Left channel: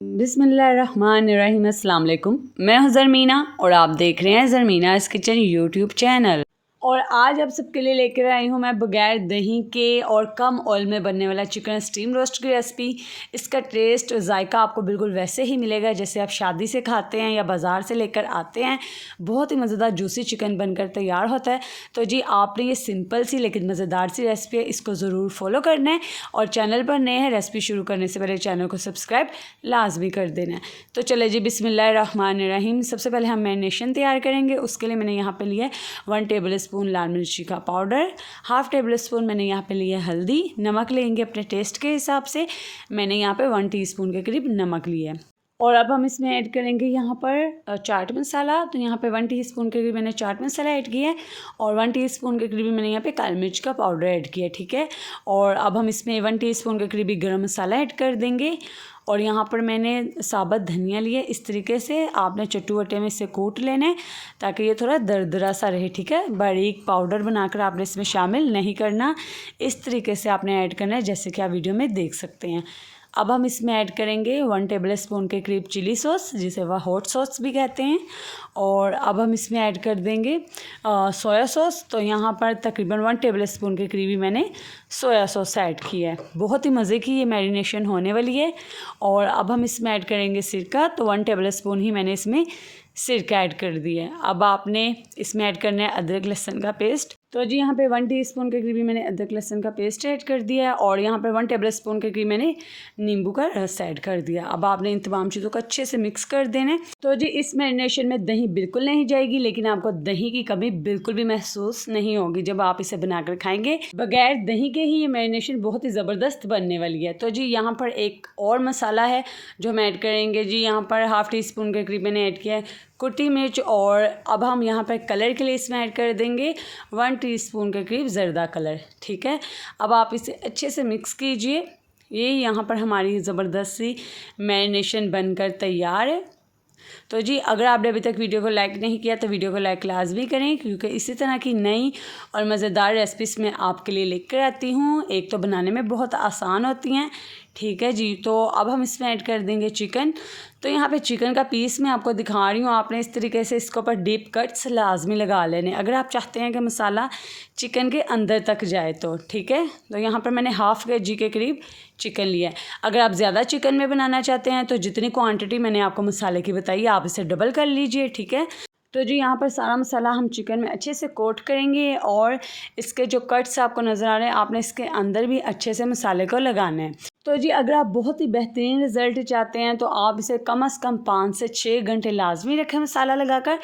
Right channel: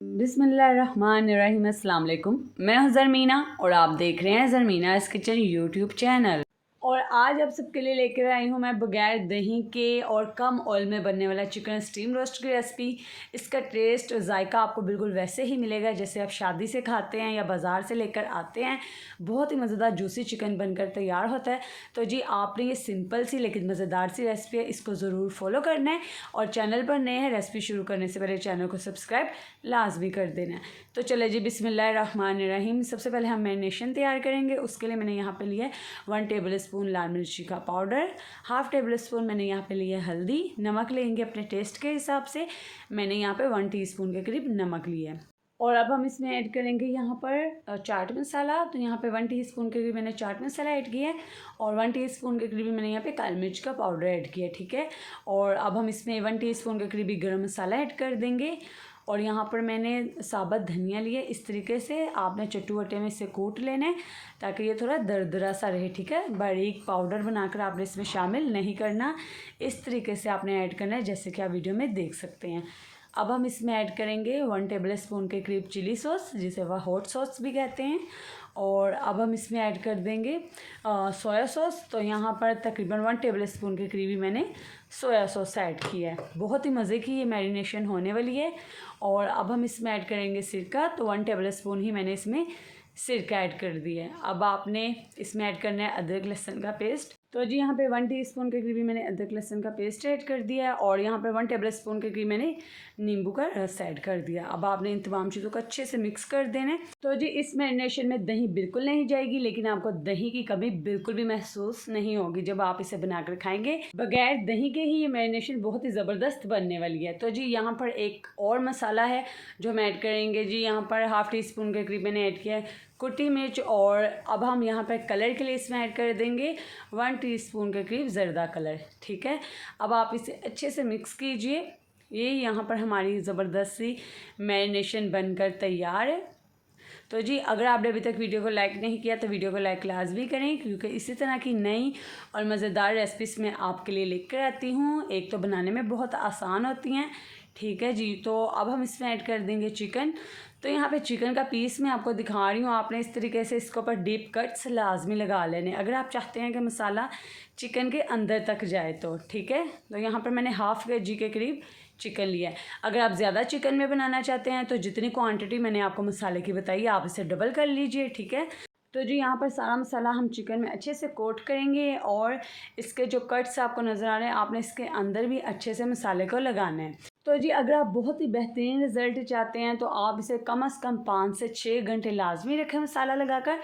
बिस्मिल्लाहिर्रहमानिर्रहीम। अस्सलाम वालेकुम। मैं हूं ज़रमीना और आप देख रहे हैं ज़रमीनाज़ किचन यूट्यूब चैनल। और आज आप सबके लिए लेकर आई हूं मैं बगैर दही के और कम ऑयल में बनने वाला चिकन स्टीम रोस्ट की रेसिपी। इसका टेस्ट और जायका आपको बिल्कुल वैसे ही मिलेगा जैसे आप शादी से खाते हैं या बाज़ार से लेकर आते हैं। बहुत ही मज़ेदार जूसी चिकन बनकर तैयार होता है। तो जी आपने ये सिंपल सी लेकिन मज़ेदार सी रेसिपी है, इसको ज़रूर फॉलो करना है। और चैनल पर नए हैं, रेसिपी शुरू करने से पहले चैनल को सब्सक्राइब लाजमी कर देना है। तो चले जी बिस्मिल्लाहिर्रहमानिर्रहीम। सबसे पहले हम मैरिनेशन तैयार करेंगे। उसके लिए मैंने यहाँ पे लिया 1 टेबल स्पून लाल मिर्ची का पाउडर, 1/2 टेबल स्पून मैंने यहाँ पे लिया हल्दी, नमक लेंगे अपने टेस्ट के हिसाब से। मैंने यहाँ पे 1 टीस्पून के करीब नमक लिया है। और अब हम इसमें ऐड करेंगे यहाँ पर चाट मसाला। तो यहाँ पे 1 टीस्पून के करीब मैंने चाट मसाला ऐड किया है और 1 टीस्पून के करीब मैंने यहाँ पे काली मिर्च का पाउडर ऐड किया है, ठीक है। और अब हम इसमें 1 टीस्पून के करीब गरम मसाला ऐड कर देंगे। और यहाँ पर मैंने साबुत धनिया लिया। इस तरीके से आपने चट्टू-वट्टे में इसे कूट लेना है ताकि ये थोड़ा दरदरा सा रहे, ठीक है। बारीक पाउडर बनाकर आपने इसमें शामिल नहीं करना, इस तरीके से आपने ऐड करना है जैसे कि आप वीडियो में देख सकते हैं। अब हम इसमें ऐड करेंगे 1 टेबल स्पून के करीब चिली सॉस, जिसे वह हॉट सॉस भी कहते हैं। और अब हम इसमें ऐड कर देंगे सोया सॉस। तो यहाँ पर तकरीबन 1 टेबल स्पून के करीब ही मैंने सोया सॉस ऐड किया है। बहुत ही मज़े की ये मैरिनेशन होने वाली है। और अब हम इसमें ऐड करेंगे सिरका। तो 1 टेबल स्पून ही मैंने इसमें सिरका ऐड कर दिया है। अब आपने इसमें ऐड करना है अदरक लहसुन का पेस्ट। तो जी यहाँ पे 1 टीस्पून के करीब मैंने अदरक लहसुन का पेस्ट ऐड कर दिया है। और यहाँ पे 1 टेबल स्पून के करीब मैंने नींबू का रस ऐड कर दिया। अब आपने इन तमाम चीज़ों को अच्छे से मिक्स कर देना है। तो जी इस मैरिनेशन में दही बिल्कुल नहीं जाएगी, लेकिन आपको दही की कमी बिल्कुल भी महसूस नहीं होगी जब आप इसे बनाकर खाएंगे। बगैर दही के ही ये मैरिनेशन बहुत ही ज़बरदस्त बनने वाली है। तो जी यहाँ पर एक और मसाला है जो हम ऐड करेंगे। जी यहाँ पर 1/2 टीस्पून के करीब मैंने ऐड किया है कुटी मिर्च। और अब हम यहाँ पर कलर के लिए इसमें ऐड कर देंगे 1 टीस्पून के करीब ज़र्दा कलर, ठीक है। अब आप इसे अच्छे से मिक्स कीजिए। ये यहाँ पर हमारी ज़बरदस्त सी मैरिनेशन बनकर तैयार है। तो जी अगर आपने अभी तक वीडियो को लाइक नहीं किया तो वीडियो को लाइक लाजमी करें, क्योंकि इसी तरह की नई और मज़ेदार रेसिपीज़ मैं आपके लिए लेकर आती हूँ। एक तो बनाने में बहुत आसान होती हैं, ठीक है जी। तो अब हम इसमें ऐड कर देंगे चिकन। तो यहाँ पे चिकन का पीस मैं आपको दिखा रही हूँ। आपने इस तरीके से इसके ऊपर डीप कट्स लाजमी लगा लेने अगर आप चाहते हैं कि मसाला चिकन के अंदर तक जाए तो, ठीक है। तो यहाँ पर मैंने 1/2 kg के करीब चिकन लिया है। अगर आप ज़्यादा चिकन में बनाना चाहते हैं तो जितनी क्वांटिटी मैंने आपको मसाले की बताई आप इसे डबल कर लीजिए, ठीक है। तो जी यहाँ पर सारा मसाला हम चिकन में अच्छे से कोट करेंगे और इसके जो कट्स आपको नज़र आ रहे हैं आपने इसके अंदर भी अच्छे से मसाले को लगाना है। तो जी अगर आप बहुत ही बेहतरीन रिज़ल्ट चाहते हैं तो आप इसे कम से कम 5 से 6 घंटे लाजमी रखें मसाला लगाकर,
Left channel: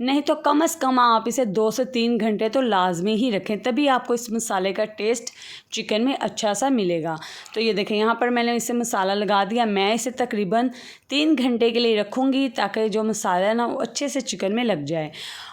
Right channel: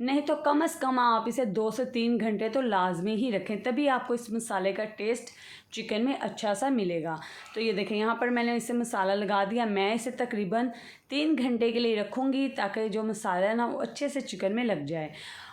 नहीं तो कम से कम आप इसे 2 से 3 घंटे तो लाजमी ही रखें, तभी आपको इस मसाले का टेस्ट चिकन में अच्छा सा मिलेगा। तो ये देखें यहाँ पर मैंने इसे मसाला लगा दिया। मैं इसे तकरीबन 3 घंटे के लिए रखूँगी ताकि जो मसाला है ना वो अच्छे से चिकन में लग जाए।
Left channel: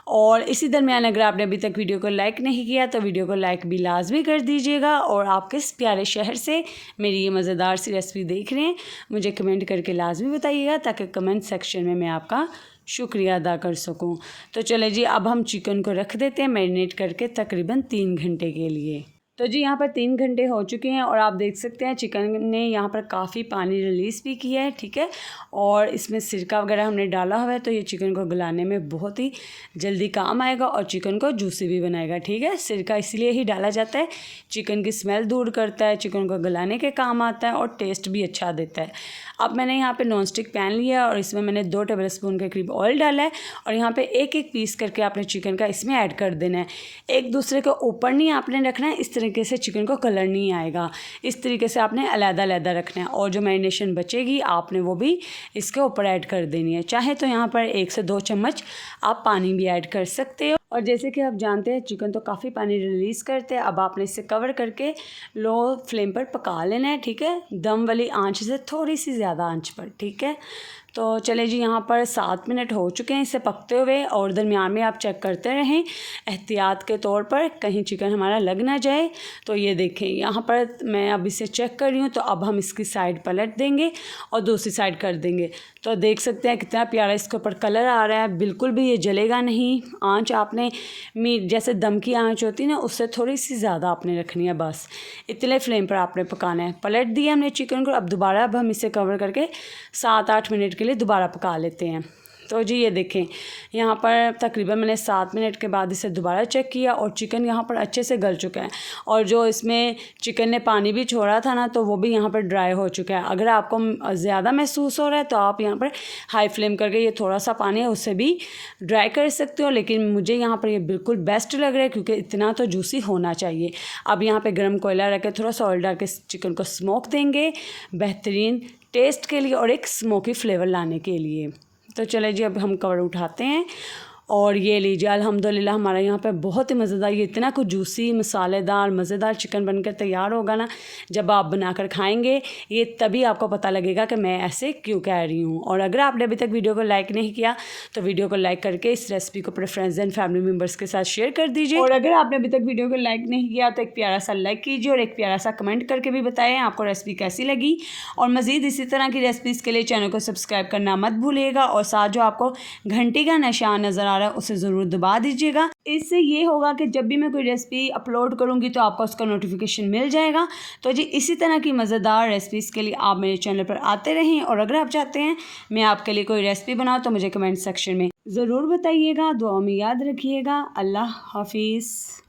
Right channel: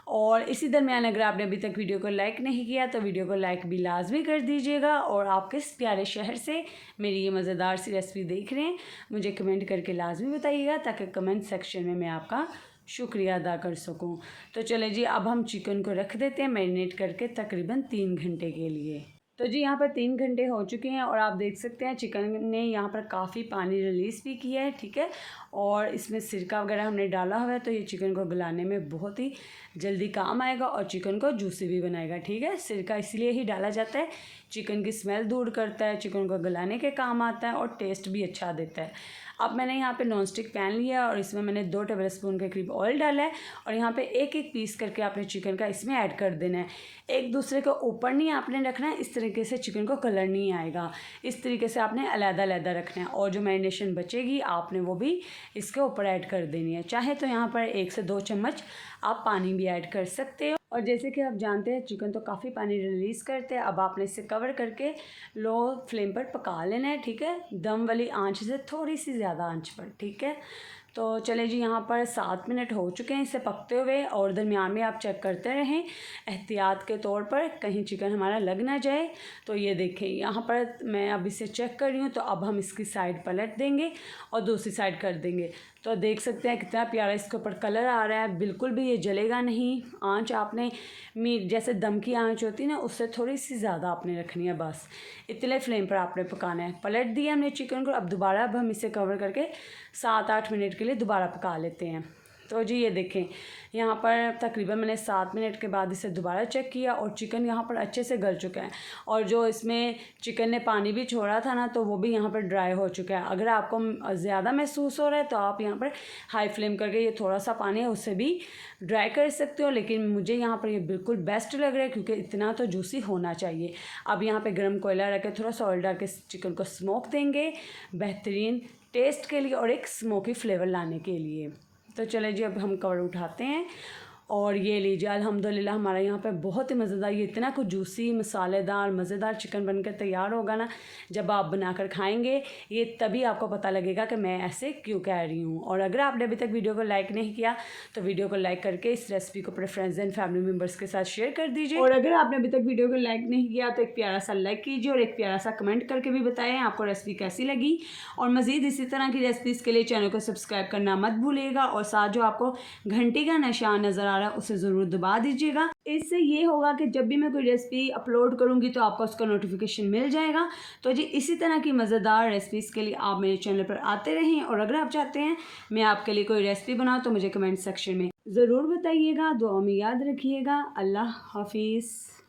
और इसी दरमियान अगर आपने अभी तक वीडियो को लाइक नहीं किया तो वीडियो को लाइक भी लाजमी कर दीजिएगा। और आप किस प्यारे शहर से मेरी ये मज़ेदार सी रेसिपी देख रहे हैं मुझे कमेंट करके लाजमी बताइएगा, ताकि कमेंट सेक्शन में मैं आपका शुक्रिया अदा कर सकूं। तो चले जी अब हम चिकन को रख देते हैं मैरिनेट करके तकरीबन 3 घंटे के लिए। तो जी यहाँ पर 3 घंटे हो चुके हैं और आप देख सकते हैं चिकन ने यहाँ पर काफ़ी पानी रिलीज़ भी किया है, ठीक है। और इसमें सिरका वगैरह हमने डाला हुआ है तो ये चिकन को गलाने में बहुत ही जल्दी काम आएगा और चिकन को जूसी भी बनाएगा, ठीक है। सिरका इसलिए ही डाला जाता है, चिकन की स्मेल दूर करता है, चिकन को गलाने के काम आता है और टेस्ट भी अच्छा देता है। अब मैंने यहाँ पे नॉन स्टिक पैन लिया और इसमें मैंने 2 टेबल स्पून के करीब ऑयल डाला है। और यहाँ पे एक एक पीस करके आपने चिकन का इसमें ऐड कर देना है। एक दूसरे के ऊपर नहीं आपने रखना है, इस तरीके से चिकन को कलर नहीं आएगा। इस तरीके से आपने अलग-अलग रखना है। और जो मैरिनेशन बचेगी आपने वो भी इसके ऊपर ऐड कर देनी है। चाहे तो यहाँ पर 1 से 2 चम्मच आप पानी भी ऐड कर सकते हो। और जैसे कि आप जानते हैं चिकन तो काफ़ी पानी रिलीज़ करते हैं। अब आपने इसे कवर करके लो फ्लेम पर पका लेना है, ठीक है, दम वाली आंच से थोड़ी सी ज़्यादा आंच पर, ठीक है। तो चले जी यहाँ पर 7 मिनट हो चुके हैं इसे पकते हुए। और दरमियान में आप चेक करते रहें एहतियात के तौर पर, कहीं चिकन हमारा लग ना जाए। तो ये देखें यहाँ पर मैं अब इसे चेक कर रही हूँ। तो अब हम इसकी साइड पलट देंगे और दूसरी साइड कर देंगे। तो देख सकते हैं कितना प्यारा इसके ऊपर कलर आ रहा है, बिल्कुल भी ये जलेगा नहीं। आंच आपने आपने मीट जैसे दम की आंच होती है ना, उससे थोड़ी सी ज़्यादा आपने रखनी है, बस इतने फ्लेम पर आपने पकाना है। पलट दिया हमने चिकन को, अब दोबारा अब हम इसे कवर करके 7-8 मिनट के लिए दोबारा पका लेते हैं। तो जी ये देखें, यहाँ पर तकरीबन मैंने 7 मिनट के बाद इसे दोबारा चेक किया और चिकन यहाँ पर अच्छे से गल चुका है, और जो इसमें चिकन ने पानी भी छोड़ा था ना, तो वो भी यहाँ पर ड्राई हो चुका है। अगर आपको ज़्यादा महसूस हो रहा है तो आप यहाँ पर हाई फ्लेम करके ये थोड़ा सा पानी है उससे भी ड्राई कर सकते हो, लेकिन मुझे यहाँ पर ये बिल्कुल बेस्ट लग रहा है क्योंकि इतना तो जूसी होना चाहिए। अब यहाँ पर गर्म कोयला रख के थोड़ा सा ऑयल डाल के चिकन को स्मोक देंगे बेहतरीन टेस्ट के लिए और एक स्मोकी फ्लेवर लाने के लिए। तो चले जी, अब हम कवर उठाते हैं और ये लीजिए अल्हम्दुलिल्लाह हमारा यहाँ पे बहुत ही मज़ेदार, ये इतना कुछ जूसी मसालेदार मज़ेदार चिकन बनकर तैयार होगा ना, जब आप बनाकर खाएंगे ये तभी आपको पता लगेगा कि मैं ऐसे क्यों कह रही हूँ। और अगर आपने अभी तक वीडियो को लाइक नहीं किया तो वीडियो को लाइक करके इस रेसिपी को अपने फ्रेंड्स एंड फैमिली मेम्बर्स के साथ शेयर कर दीजिए, और अगर आपने अभी तक वीडियो को लाइक नहीं किया तो एक प्यारा सा लाइक कीजिए और एक प्यारा सा कमेंट करके भी बताएं आपको रेसिपी कैसी लगी। और मज़ीद इसी तरह की रेसिपीज़ के लिए चैनल को सब्सक्राइब करना मत भूलिएगा, और साथ जो आपको घंटी का निशान नज़र आ रहा है उसे ज़रूर दबा दीजिएगा। इससे ये होगा कि जब भी मैं कोई रेसिपी अपलोड करूँगी तो आपको उसका नोटिफिकेशन मिल जाएगा। तो जी इसी तरह की मज़ेदार रेसिपीज़ के लिए आप मेरे चैनल पर आते रहें, और अगर आप चाहते हैं मैं आपके लिए कोई रेसिपी बनाऊँ तो मुझे कमेंट सेक्शन में ज़रूर बताइएगा। दुआ में याद रखिएगा। अल्लाह हाफिज़।